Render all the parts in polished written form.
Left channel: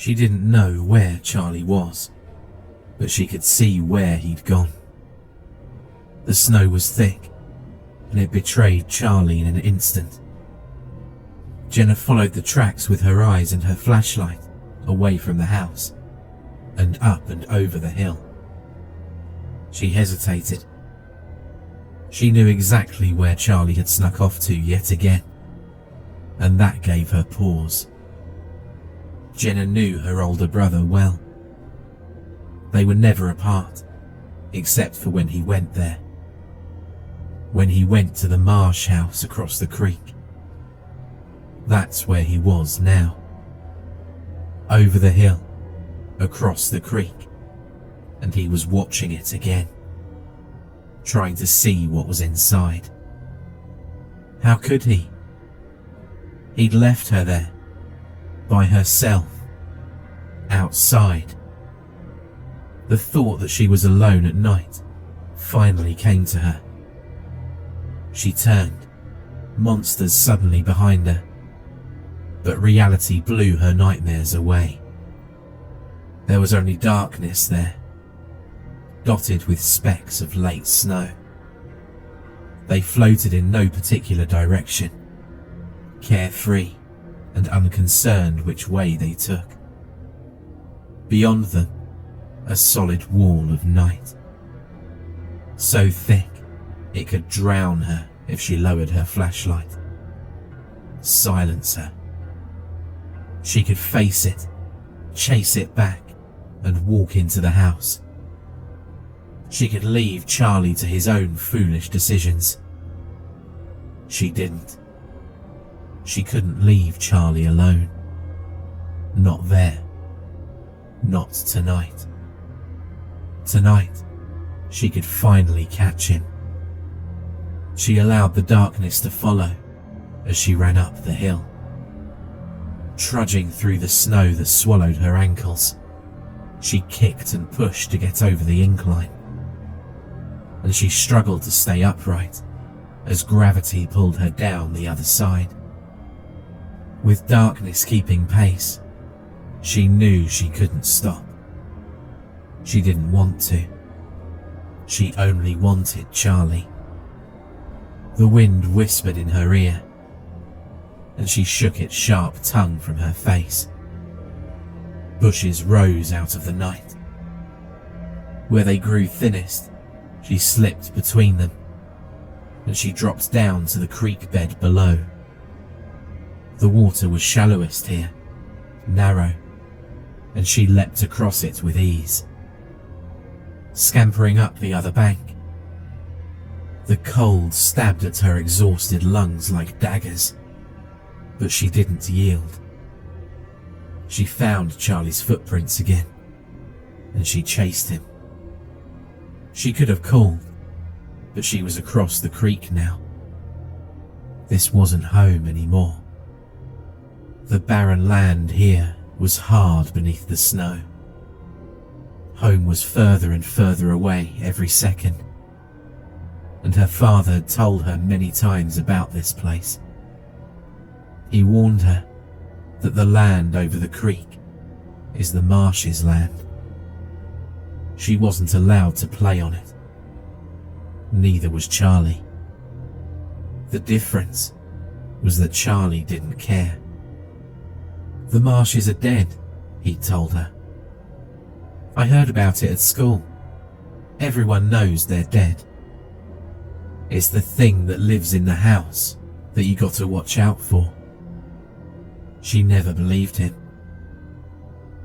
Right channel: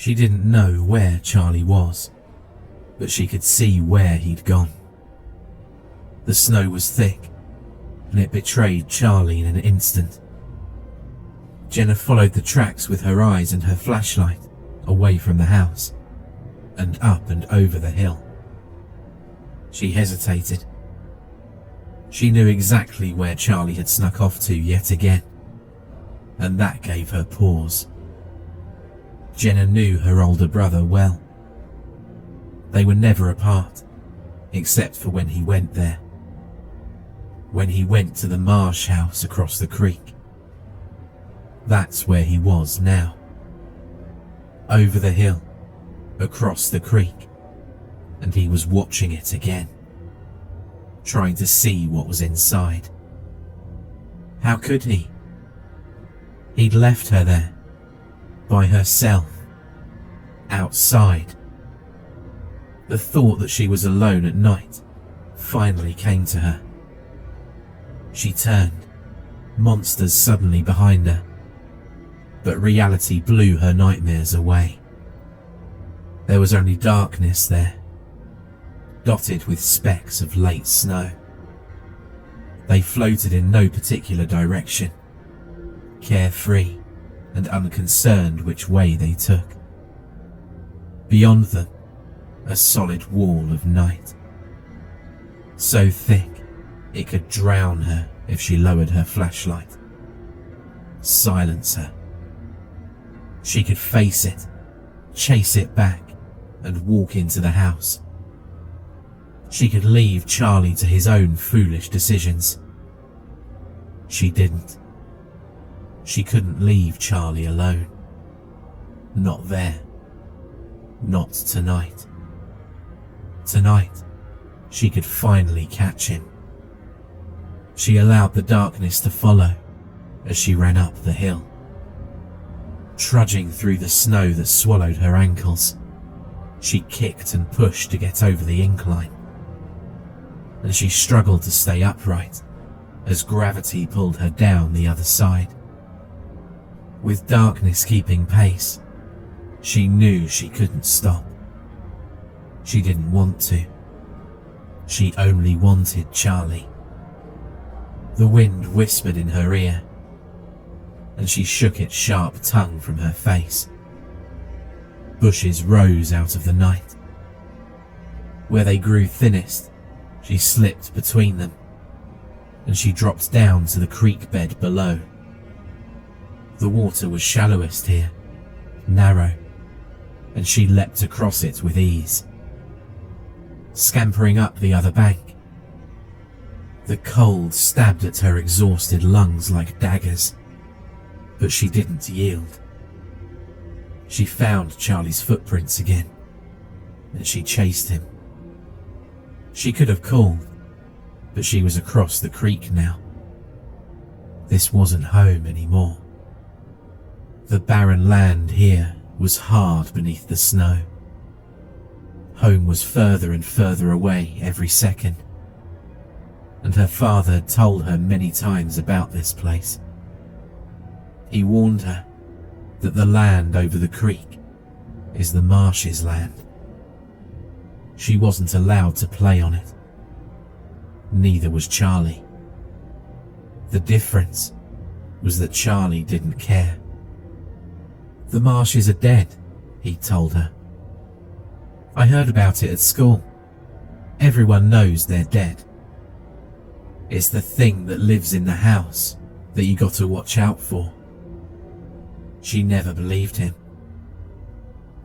She didn't know where Charlie was, but she could see where he'd gone. The snow was thick, and it betrayed Charlie in an instant. Jenna followed the tracks with her eyes and her flashlight away from the house, and up and over the hill. She hesitated. She knew exactly where Charlie had snuck off to yet again, and that gave her pause. Jenna knew her older brother well. They were never apart, except for when he went there. When he went to the Marsh house across the creek. That's where he was now. Over the hill, across the creek, and he was watching it again, trying to see what was inside. How could he? He'd left her there, by herself, outside. The thought that she was alone at night finally came to her. She turned, monsters suddenly behind her, but reality blew her nightmares away. There was only darkness there, dotted with specks of late snow. They floated in no particular direction, carefree and unconcerned which way they took. Beyond them, a solid wall of night, so thick it could drown her if she lowered her flashlight, silence her. She could face it, chase it back, and walk into the house. She could leave Charlie to his own foolish decisions. She didn't. She couldn't leave Charlie alone. Not there. Not tonight. Tonight, she could finally catch him. She allowed the darkness to follow as she ran up the hill, trudging through the snow that swallowed her ankles. She kicked and pushed to get over the incline, and she struggled to stay upright as gravity pulled her down the other side. With darkness keeping pace, she knew she couldn't stop. She didn't want to. She only wanted Charlie. The wind whispered in her ear, and she shook its sharp tongue from her face. Bushes rose out of the night. Where they grew thinnest, she slipped between them, and she dropped down to the creek bed below. The water was shallowest here, narrow, and she leapt across it with ease, scampering up the other bank. The cold stabbed at her exhausted lungs like daggers, but she didn't yield. She found Charlie's footprints again, and she chased him. She could have called, but she was across the creek now. This wasn't home anymore. The barren land here was hard beneath the snow. Home was further and further away every second, and her father had told her many times about this place. He warned her that the land over the creek is the Marsh's land. She wasn't allowed to play on it. Neither was Charlie. The difference was that Charlie didn't care. The Marshes are dead, he told her. I heard about it at school. Everyone knows they're dead. It's the thing that lives in the house that you got to watch out for. She never believed him.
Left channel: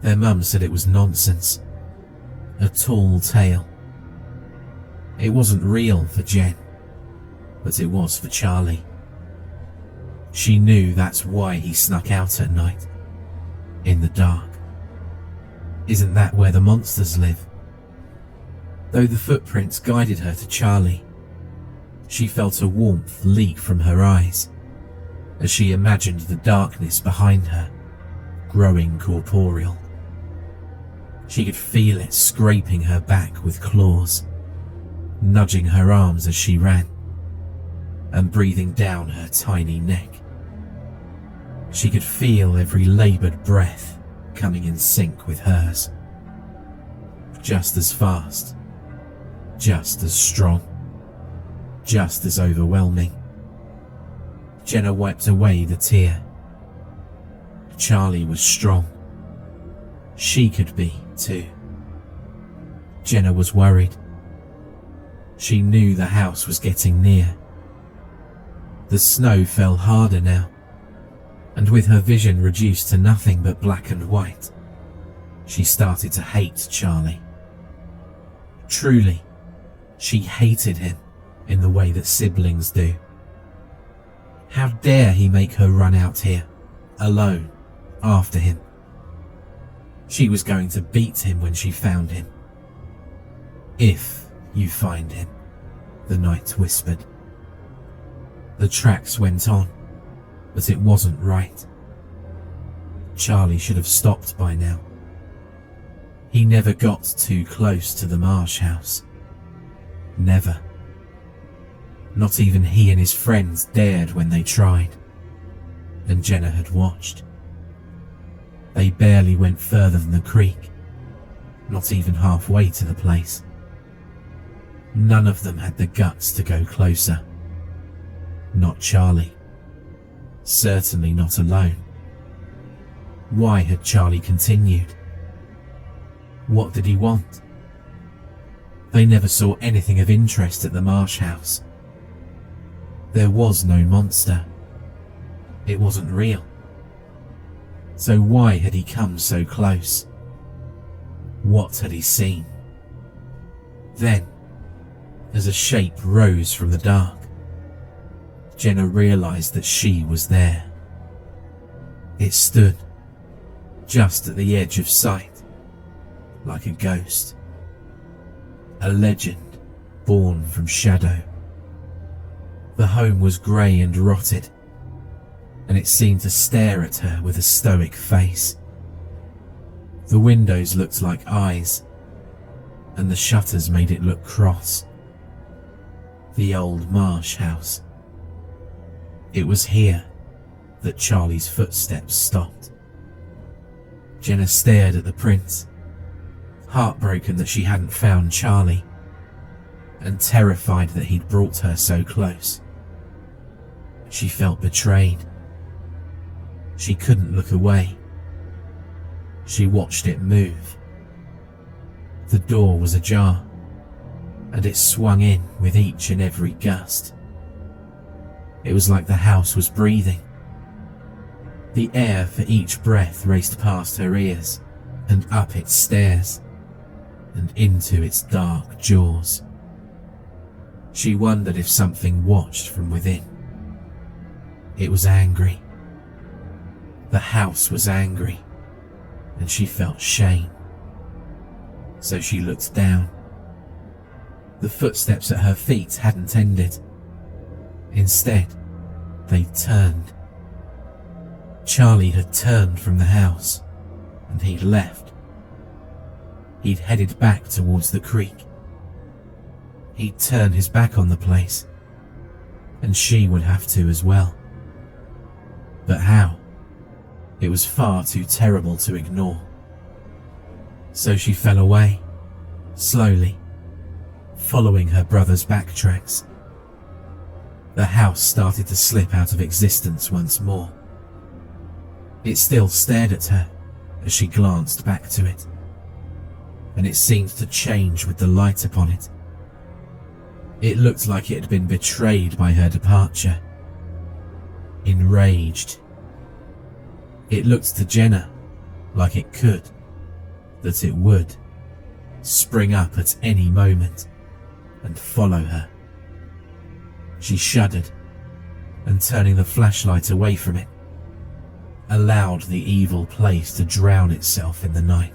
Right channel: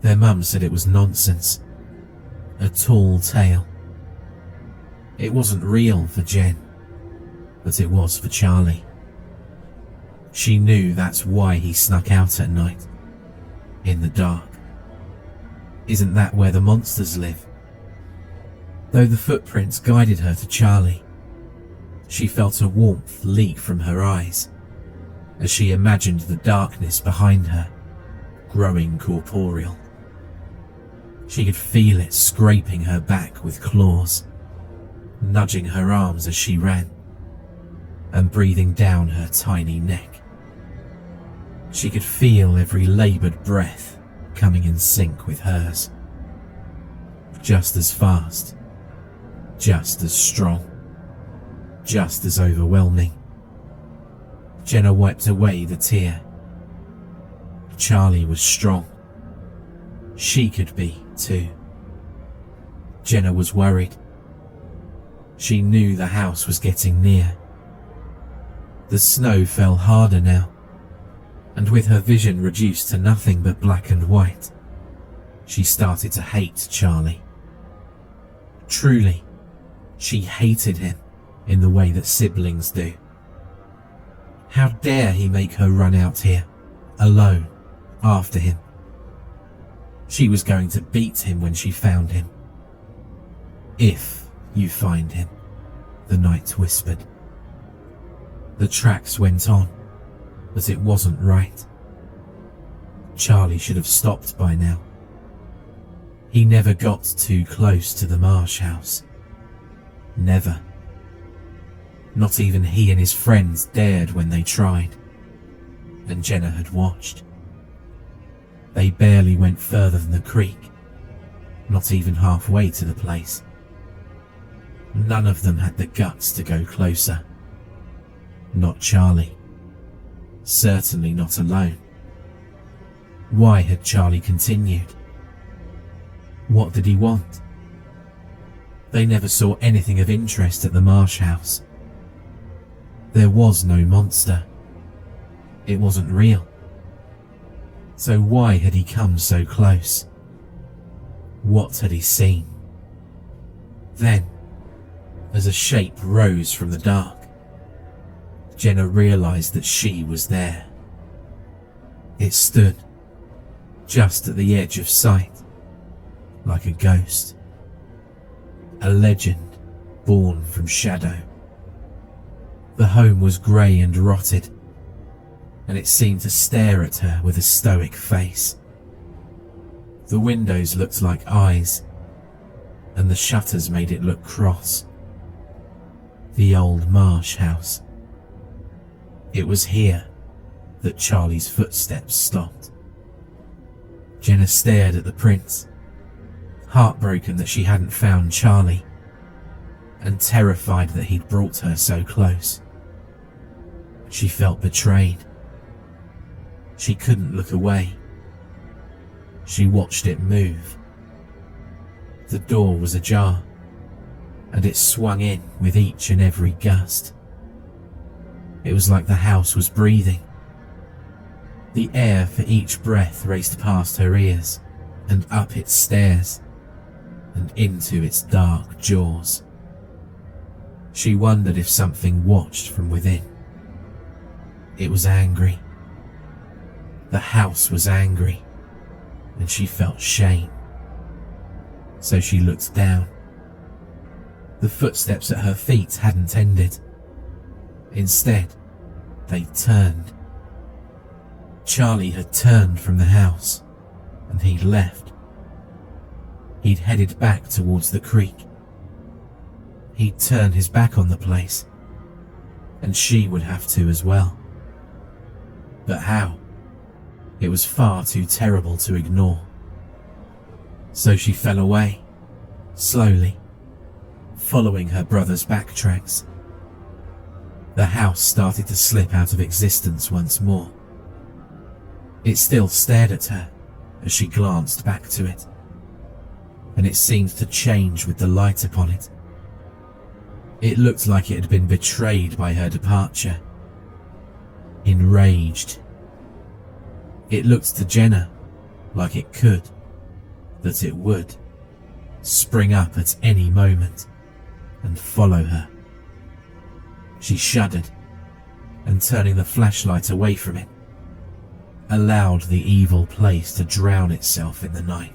Their mum said it was nonsense. A tall tale. It wasn't real for Jen, but it was for Charlie. She knew that's why he snuck out at night, in the dark. Isn't that where the monsters live? Though the footprints guided her to Charlie, she felt a warmth leak from her eyes as she imagined the darkness behind her, growing corporeal. She could feel it scraping her back with claws, nudging her arms as she ran, and breathing down her tiny neck. She could feel every laboured breath coming in sync with hers. Just as fast, just as strong, just as overwhelming. Jenna wiped away the tear. Charlie was strong. She could be too. Jenna was worried. She knew the house was getting near. The snow fell harder now, and with her vision reduced to nothing but black and white, she started to hate Charlie. Truly, she hated him in the way that siblings do. How dare he make her run out here, alone, after him? She was going to beat him when she found him. If you find him, the night whispered. The tracks went on, but it wasn't right. Charlie should have stopped by now. He never got too close to the Marsh house. Never. Not even he and his friends dared when they tried, and Jenna had watched. They barely went further than the creek, not even halfway to the place. None of them had the guts to go closer. Not Charlie. Certainly not alone. Why had Charlie continued? What did he want? They never saw anything of interest at the Marsh house. There was no monster. It wasn't real. So why had he come so close? What had he seen? Then, as a shape rose from the dark, Jenna realized that she was there. It stood just at the edge of sight, like a ghost. A legend born from shadow. The home was grey and rotted, and it seemed to stare at her with a stoic face. The windows looked like eyes, and the shutters made it look cross. The old Marsh house. It was here that Charlie's footsteps stopped. Jenna stared at the prints, heartbroken that she hadn't found Charlie, and terrified that he'd brought her so close. She felt betrayed. She couldn't look away. She watched it move. The door was ajar, and it swung in with each and every gust. It was like the house was breathing. The air for each breath raced past her ears and up its stairs and into its dark jaws. She wondered if something watched from within. It was angry. The house was angry, and she felt shame. So she looked down. The footsteps at her feet hadn't ended. Instead, they turned. Charlie had turned from the house, and he'd left. He'd headed back towards the creek. He'd turned his back on the place, and she would have to as well. But how? It was far too terrible to ignore. So she fell away, slowly, following her brother's backtracks. The house started to slip out of existence once more. It still stared at her as she glanced back to it, and it seemed to change with the light upon it. It looked like it had been betrayed by her departure. Enraged. It looked to Jenna like it could, that it would, spring up at any moment and follow her. She shuddered, and turning the flashlight away from it, allowed the evil place to drown itself in the night.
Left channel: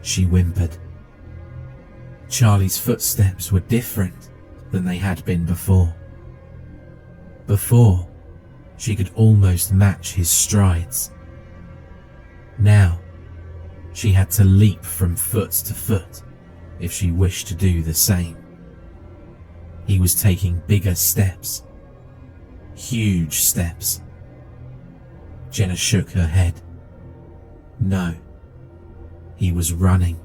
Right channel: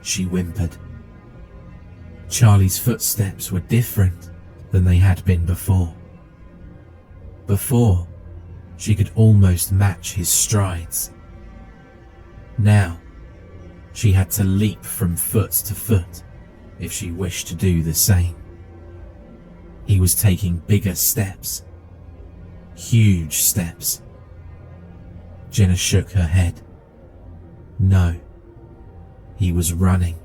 She whimpered. Charlie's footsteps were different than they had been before. Before, she could almost match his strides. Now, she had to leap from foot to foot if she wished to do the same. He was taking bigger steps. Huge steps. Jenna shook her head. No, he was running.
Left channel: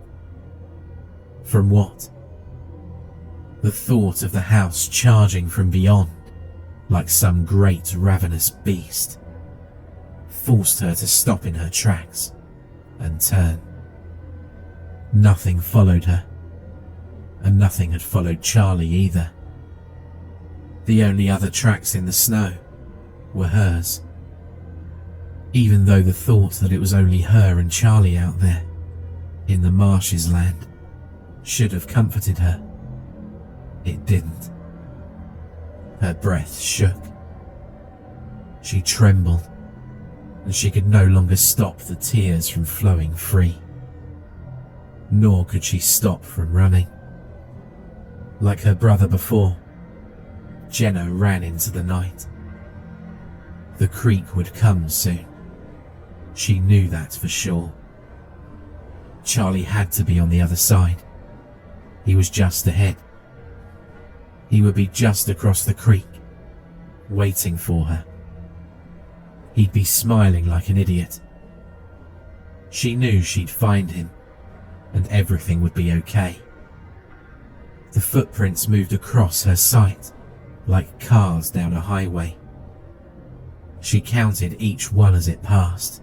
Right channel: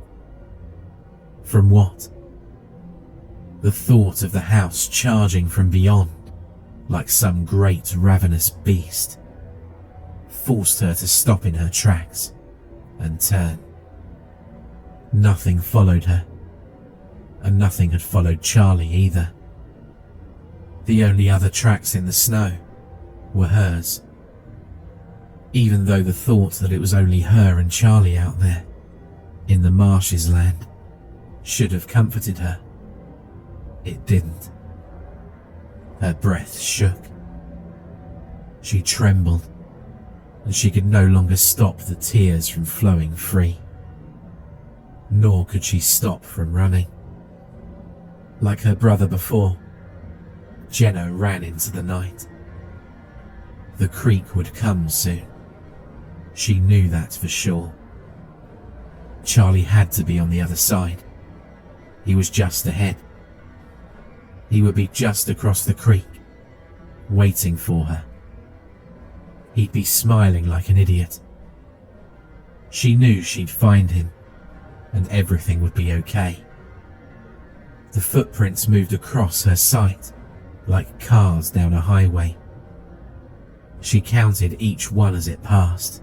From what? The thought of the house charging from beyond, like some great ravenous beast, forced her to stop in her tracks and turn. Nothing followed her, and nothing had followed Charlie either. The only other tracks in the snow were hers. Even though the thought that it was only her and Charlie out there, in the marshes land, should have comforted her, it didn't. Her breath shook. She trembled, and she could no longer stop the tears from flowing free. Nor could she stop from running. Like her brother before, Jenna ran into the night. The creek would come soon. She knew that for sure. Charlie had to be on the other side. He was just ahead. He would be just across the creek, waiting for her. He'd be smiling like an idiot. She knew she'd find him, and everything would be okay. The footprints moved across her sight, like cars down a highway. She counted each one as it passed.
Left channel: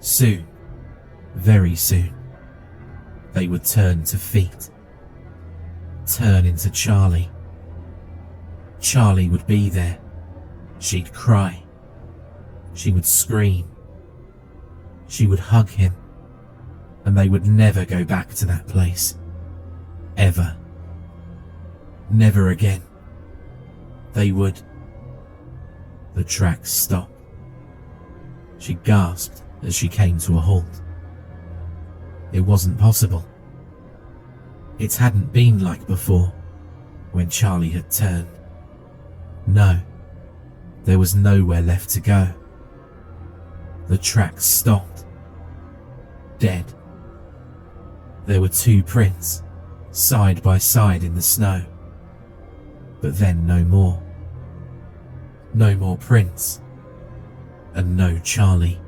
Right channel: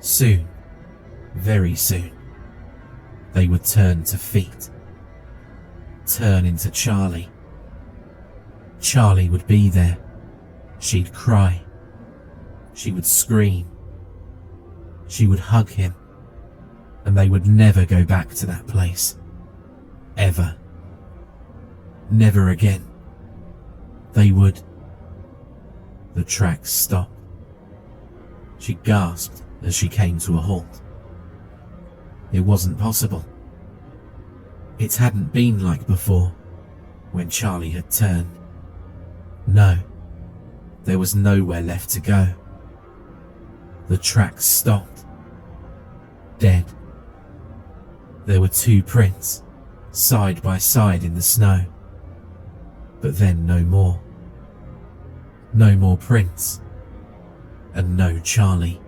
Soon, very soon, they would turn to feet. Turn into Charlie. Charlie would be there. She'd cry. She would scream. She would hug him. And they would never go back to that place. Ever. Never again. They would. The tracks stopped. She gasped as she came to a halt. It wasn't possible. It hadn't been like before, when Charlie had turned. No, there was nowhere left to go. The tracks stopped. Dead. There were two prints, side by side in the snow. But then no more. No more prints. And no Charlie.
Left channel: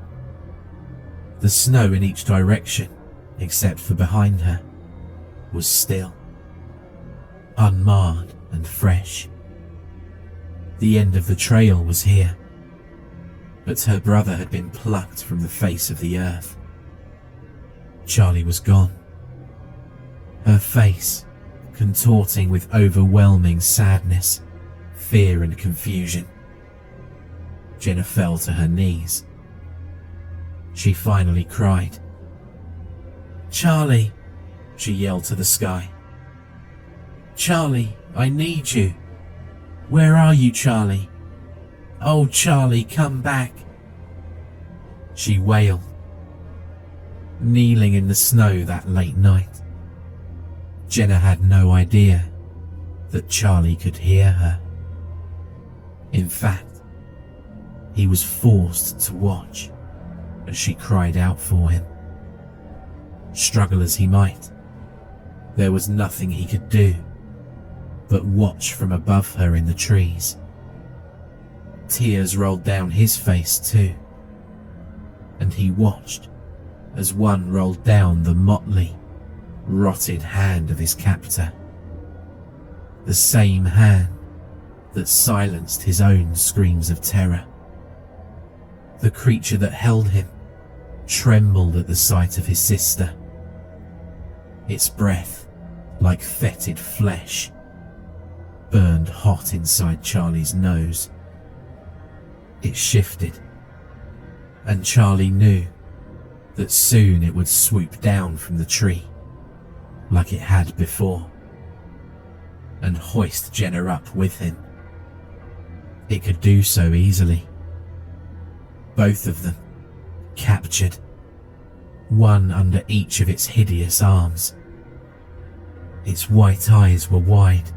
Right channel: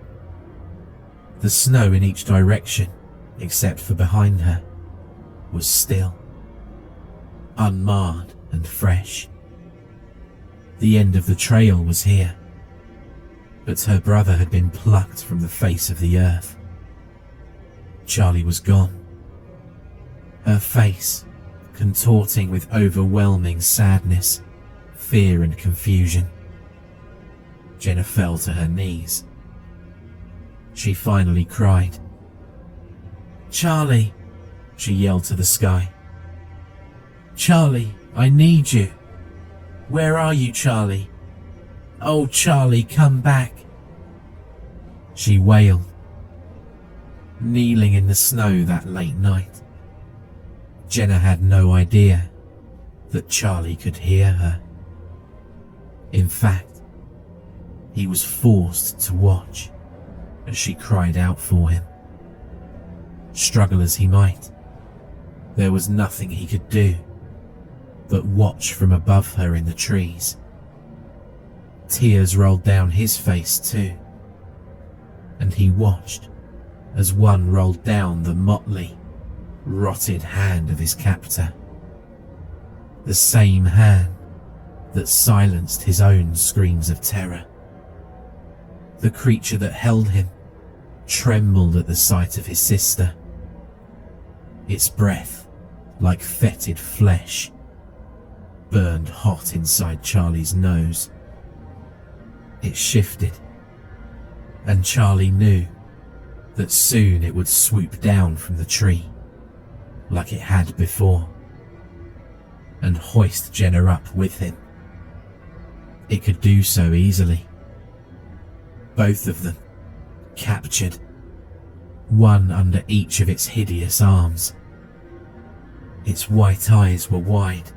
The snow in each direction, except for behind her, was still, unmarred and fresh. The end of the trail was here, but her brother had been plucked from the face of the earth. Charlie was gone. Her face, contorting with overwhelming sadness, fear and confusion. Jenna fell to her knees. She finally cried. "Charlie," she yelled to the sky. "Charlie, I need you. Where are you, Charlie? Oh, Charlie, come back." She wailed, kneeling in the snow that late night. Jenna had no idea that Charlie could hear her. In fact, he was forced to watch as she cried out for him. Struggle as he might, there was nothing he could do but watch from above her in the trees. Tears rolled down his face too, and he watched as one rolled down the motley, rotted hand of his captor. The same hand that silenced his own screams of terror. The creature that held him trembled at the sight of his sister. Its breath, like fetid flesh, burned hot inside Charlie's nose. It shifted, and Charlie knew that soon it would swoop down from the tree, like it had before, and hoist Jenna up with him. It could do so easily. Both of them, captured, one under each of its hideous arms. Its white eyes were wide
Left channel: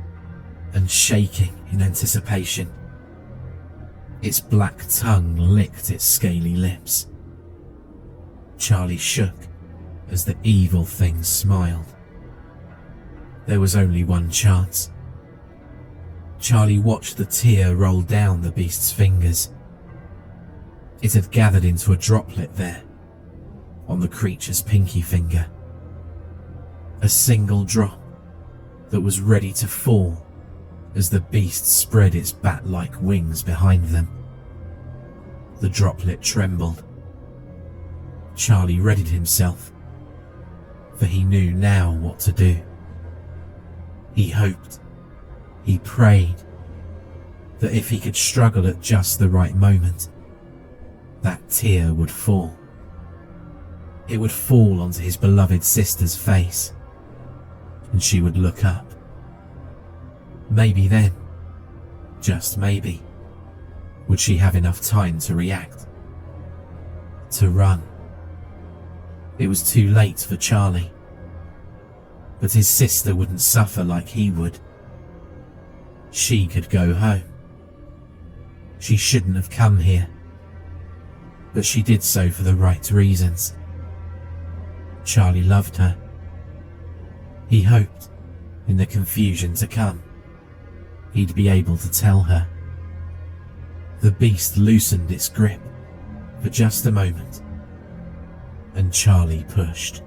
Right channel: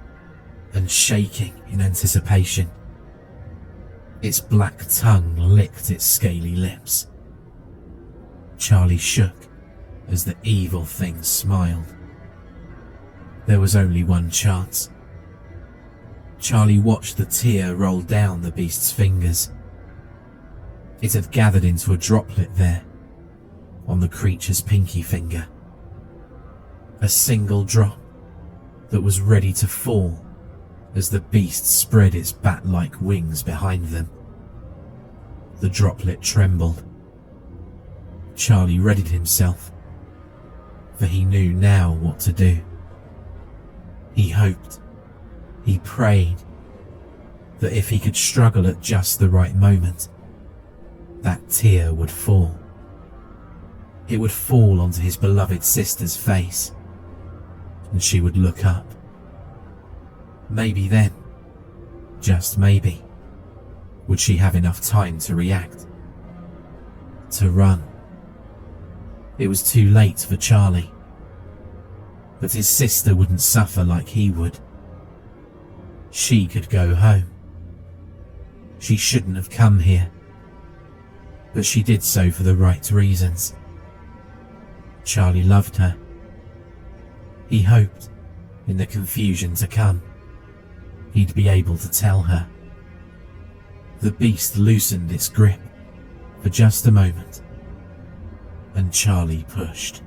and shaking in anticipation. Its black tongue licked its scaly lips. Charlie shook as the evil thing smiled. There was only one chance. Charlie watched the tear roll down the beast's fingers. It had gathered into a droplet there, on the creature's pinky finger. A single drop that was ready to fall as the beast spread its bat-like wings behind them. The droplet trembled. Charlie readied himself, for he knew now what to do. He hoped, he prayed, that if he could struggle at just the right moment, that tear would fall. It would fall onto his beloved sister's face, and she would look up. Maybe then, just maybe, would she have enough time to react, to run. It was too late for Charlie, but his sister wouldn't suffer like he would. She could go home. She shouldn't have come here, but she did so for the right reasons. Charlie loved her. He hoped, in the confusion to come, he'd be able to tell her. The beast loosened its grip for just a moment, and Charlie pushed.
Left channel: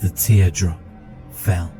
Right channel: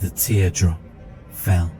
The teardrop fell.